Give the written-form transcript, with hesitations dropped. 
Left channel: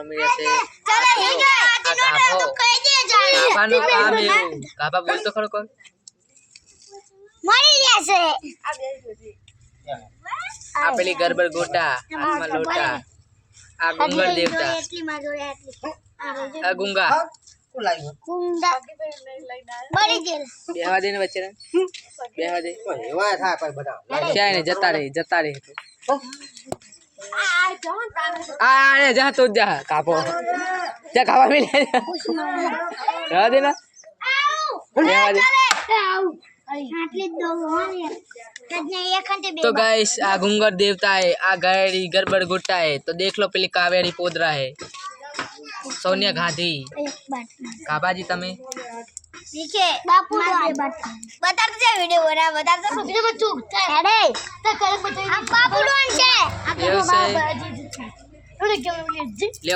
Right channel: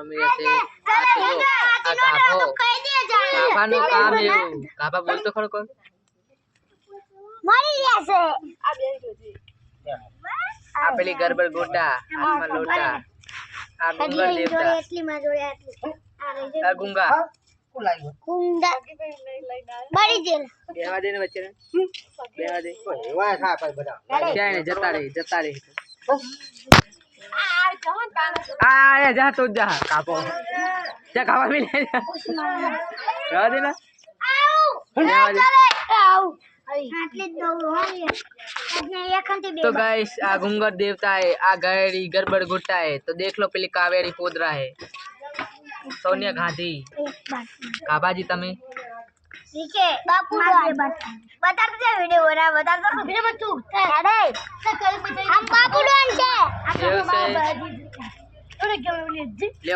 રમી રહ્યા છે આ ગાભો ગાભાનું કામ એવું ગાભા બોલ તો ખરો કોણ મરી ગયા છે આ પેલી ગરબડ ગોટા હાથમાં લોટા આ ગુંગર દેવતા એટલી માં જોડે એટલી આ ગુંગા કુંડા મરી ગયેલ બેહવા દે ને વચ્ચે બેહવા દે એવા થા કોઈ બધા જાય ને જતા રહી આ રે જા તો જા કાપો જા ખાવા મિલે રહેવા દે ના બેહવા દે तो गाइस आ गुंगर देवता है आ गैरी गड़बड़ गुट्टा है तो देख लो पहले कावेरी पोदरा है सोनिया गांधी काबाजी तमे ठीक है बापू बता दे वीडियो बना बता दो वीडियो में चूक अरे तो कल हम बापू डोन છે ले